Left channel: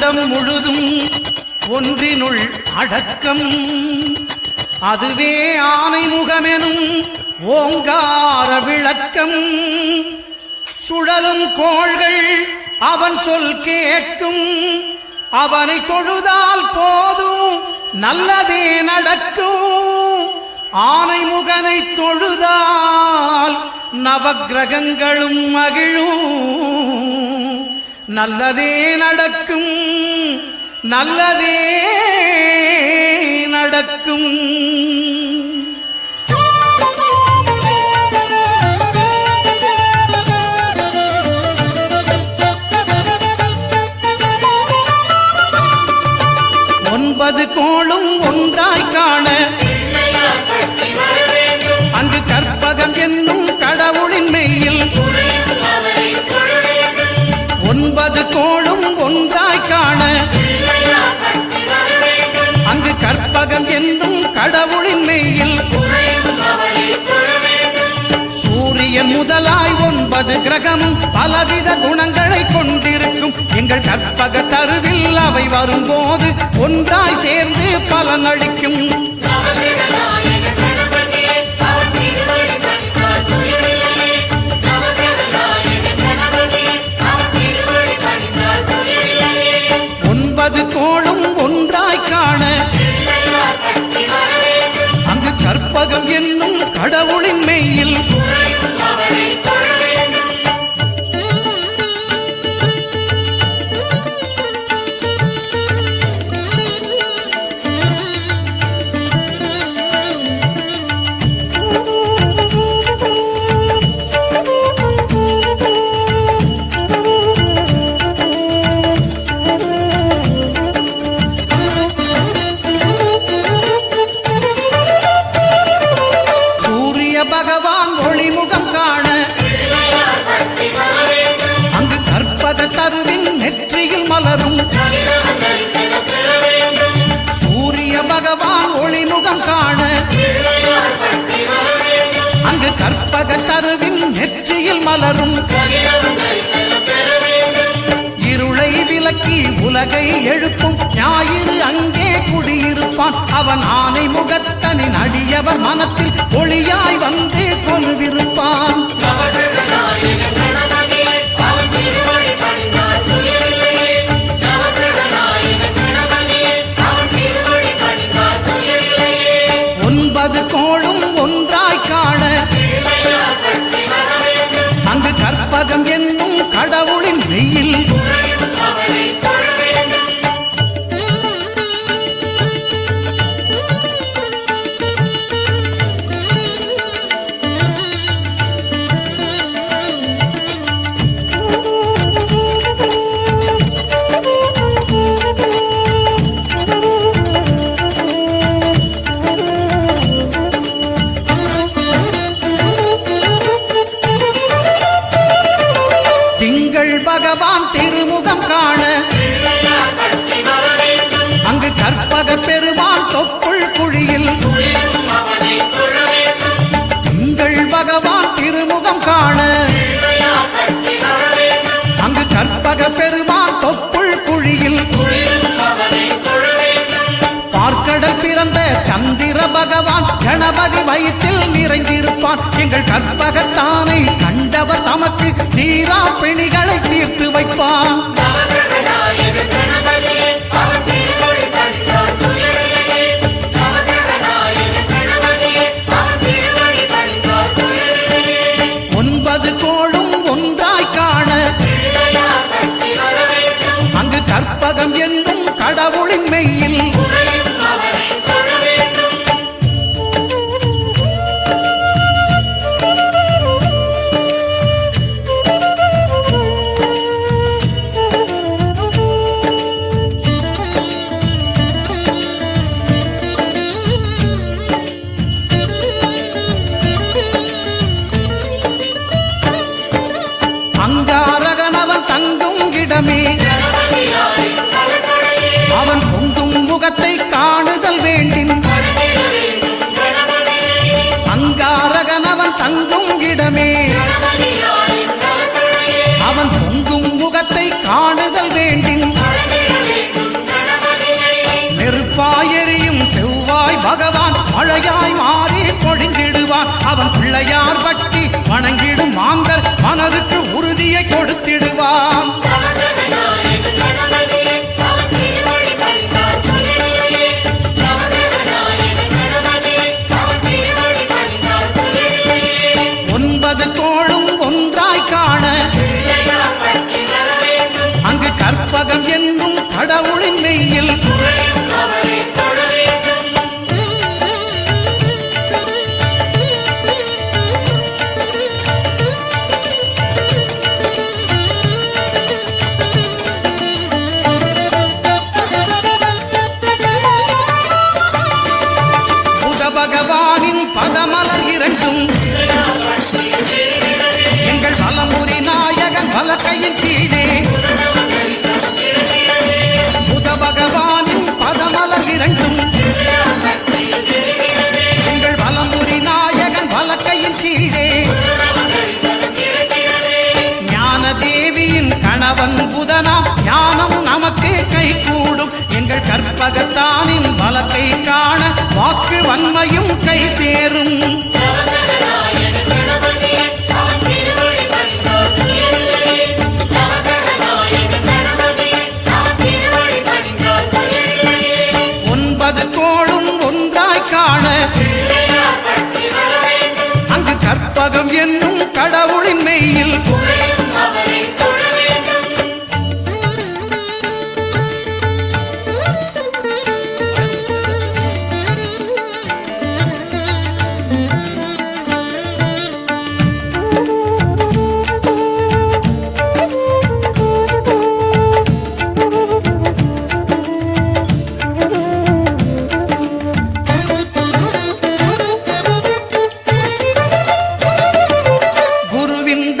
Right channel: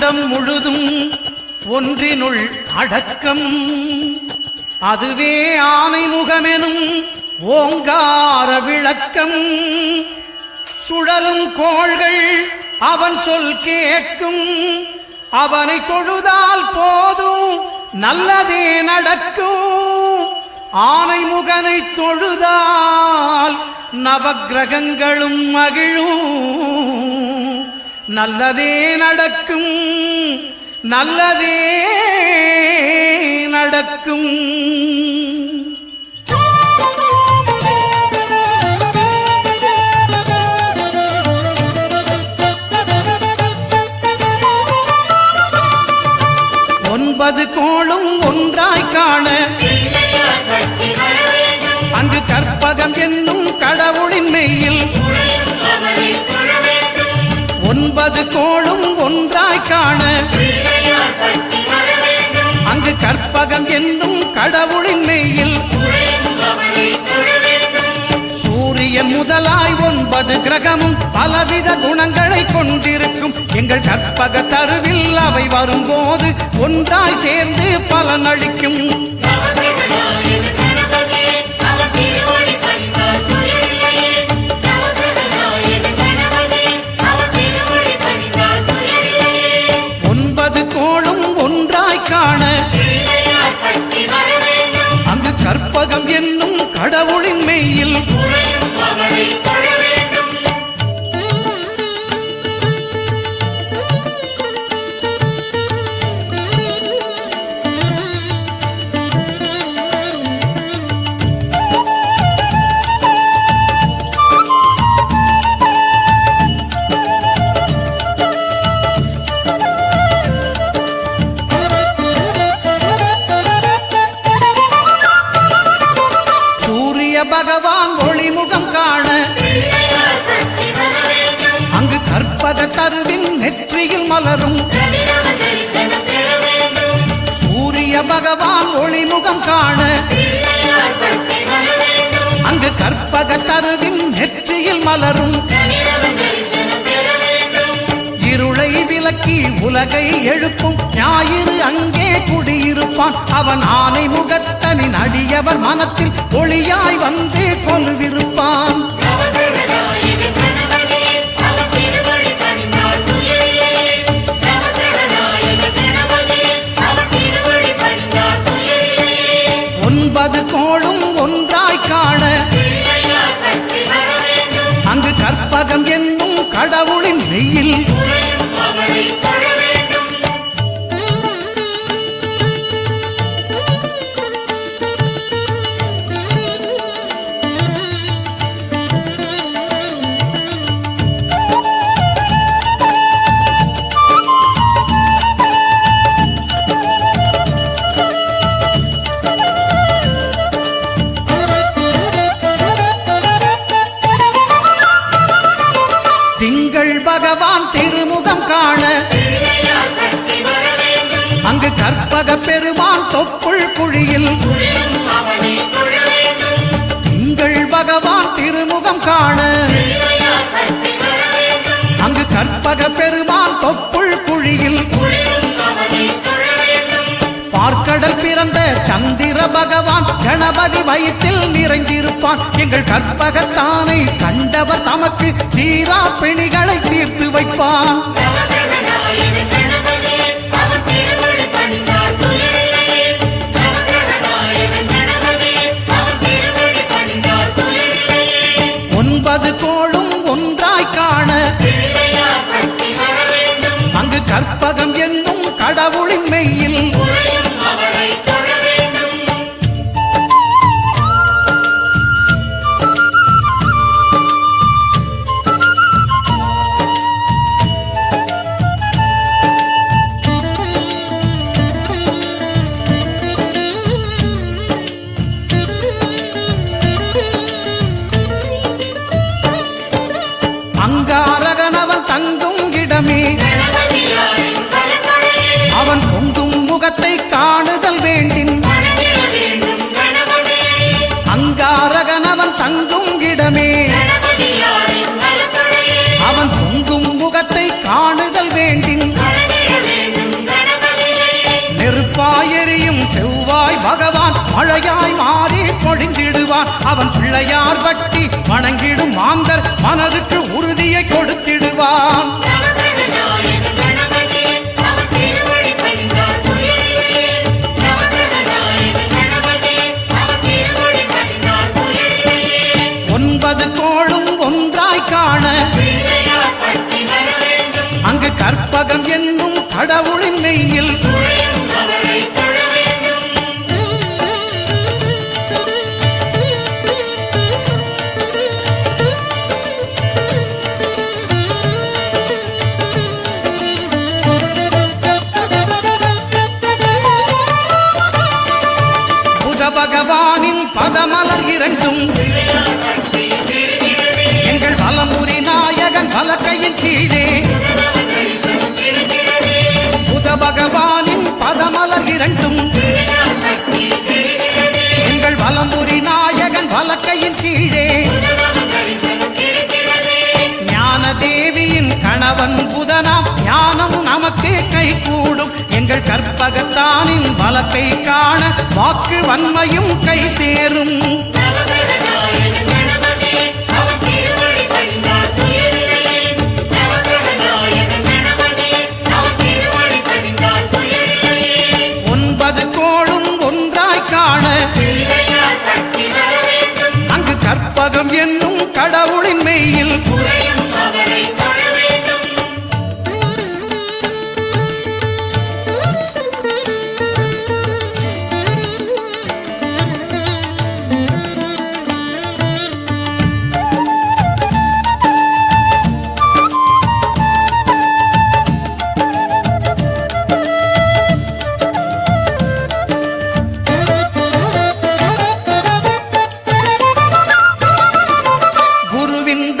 அண்டம் முழுதும் ஒன்றினுள் அடக்கம். அதுவே ஆனை முகமெனும் ஓங்கார விளக்கம். சுழலும் கோள்கள் அவன் சொல் கேட்கும். அவனை தொழுதால் போதும் நல்லதே நடக்கும். ஆனை முகனை தொழுதால் நவக்கிரகங்களும் மகிழும். நல்லதே நடக்கும், நல்லதே நடக்கும். ஒன்பது கோளும் ஒன்றாய் காண அங்கு கற்பகம் என்னும் கடவுளின் மெய்யில். ஒன்பது கோளும் ஒன்றாய் காண அங்கு கற்பகம் என்னும் கடவுளின் மெய்யில். சூரியன் முதலாய் 9 கிரகமும் பலவித குணங்களை கொண்டிருக்கும். எங்கள் கற்பக தருவில் அவை வரும்போது ஒன்றாய் சேர்ந்து பலனளிக்கும். ஒன்பது கோளும் ஒன்றாய் காண அங்கு கற்பகம் என்னும் கடவுளின் மெய்யில். பகவான் ஒளிமுகம் காண அங்கு கற்பக தருவின் நெற்றியில் மலரும். சூரிய பகவான் ஒளிமுகம் காண அங்கு கற்பக தருவின் நெற்றியில் மலரும். இருளை விலக்கி உலகை எழுப்பும் ஞாயிறு அங்கே குடியிருப்பான். அவன் ஆனை முகத்தனின் அடியவர் மனத்தில் ஒளியாய் வந்து கொலுவிருப்பான். ஒன்பது கோளும் ஒன்றாய் காண அங்கு கற்பகம் என்னும் கடவுளின் மெய்யில். திங்கள் பகவான் திருமுகம் காண அங்கு கற்பக பெருமான் தொப்புள் குழியில். திங்கள் பகவான் திருமுகம் காண அங்கு கற்பக பெருமான் தொப்புள் குழியில். பார்க்கடல் பிறந்த சந்திர பகவான் கணபதி வயிற்றில் நிறைந்திருப்பான். எங்கள் கற்பகத்தானை கண்டவர் தமக்கு தீரா பிணிகளை தீர்த்து வைப்பான். ஒன்பது கோளும் ஒன்றாய் காண அங்கு கற்பகம் என்னும் கடவுளின் மெய்யில். அங்காரகனவன் தங்கும் இடமே அவன் பொங்கும் முகத்தை காணுதல் வேண்டின். அங்காரகனவன் தங்கும் இடமே அவன் பொங்கும் முகத்தை காணுதல் வேண்டின். நெருப்பாயெரியும் செவ்வாய் பகவான் மழையாய் மாறி பொழிந்திடுவான். அவன் பிள்ளையார் பட்டி வணங்கிடும் மாந்தர் மனதுக்கு உறுதியை கொடுத்திடுவான். ஒன்பது கோளும் ஒன்றாய் காண அங்கு கற்பகம் என்னும் கடவுளின் மெய்யில் புத பகவானின் பதமலர் இரண்டும் எங்கள் வலமுறி நாயகன் வலக்கையின் கீழே புத பகவானின் பதமலர் இரண்டும் எங்கள் வலமுறி நாயகன் வலக்கையின் கீழே ஞான தேவியின் கணவன் புதனாம் ஞானம் நமக்கு கைகூடும். எங்கள் கற்பகத்தானின் வலக்கை காண வாக்கு வன்மையும் கை சேரும். ஒன்பது கோளும் ஒன்றாய் காண அங்கு கற்பகம் என்னும் கடவுளின் மெய்யில்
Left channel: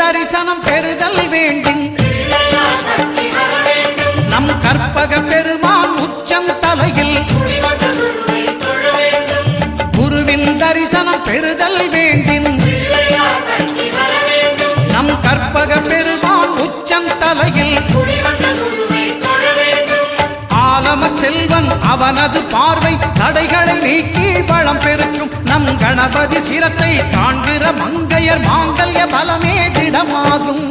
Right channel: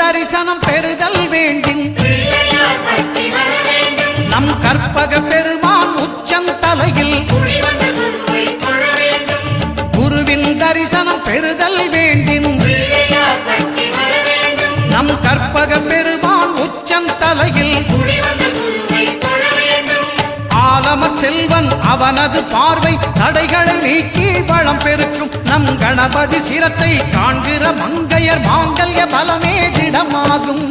தரிசனம் பெறுதல் வேண்டும். நம் கற்பக பெருமான் உச்சம் தலையில் குருவின் தரிசனம் பெறுதல் வேண்டும். நம் கற்பக பெருமான் உச்சம் தலையில் ஆலமர் செல்வன் அவனது பார்வை தடைகளை நீக்கி வளம் பெருக்கும். நம் கணபதி சிரத்தை காண்கிற மங்கையர் மாங்கல்ய பலமே திடமாகும்.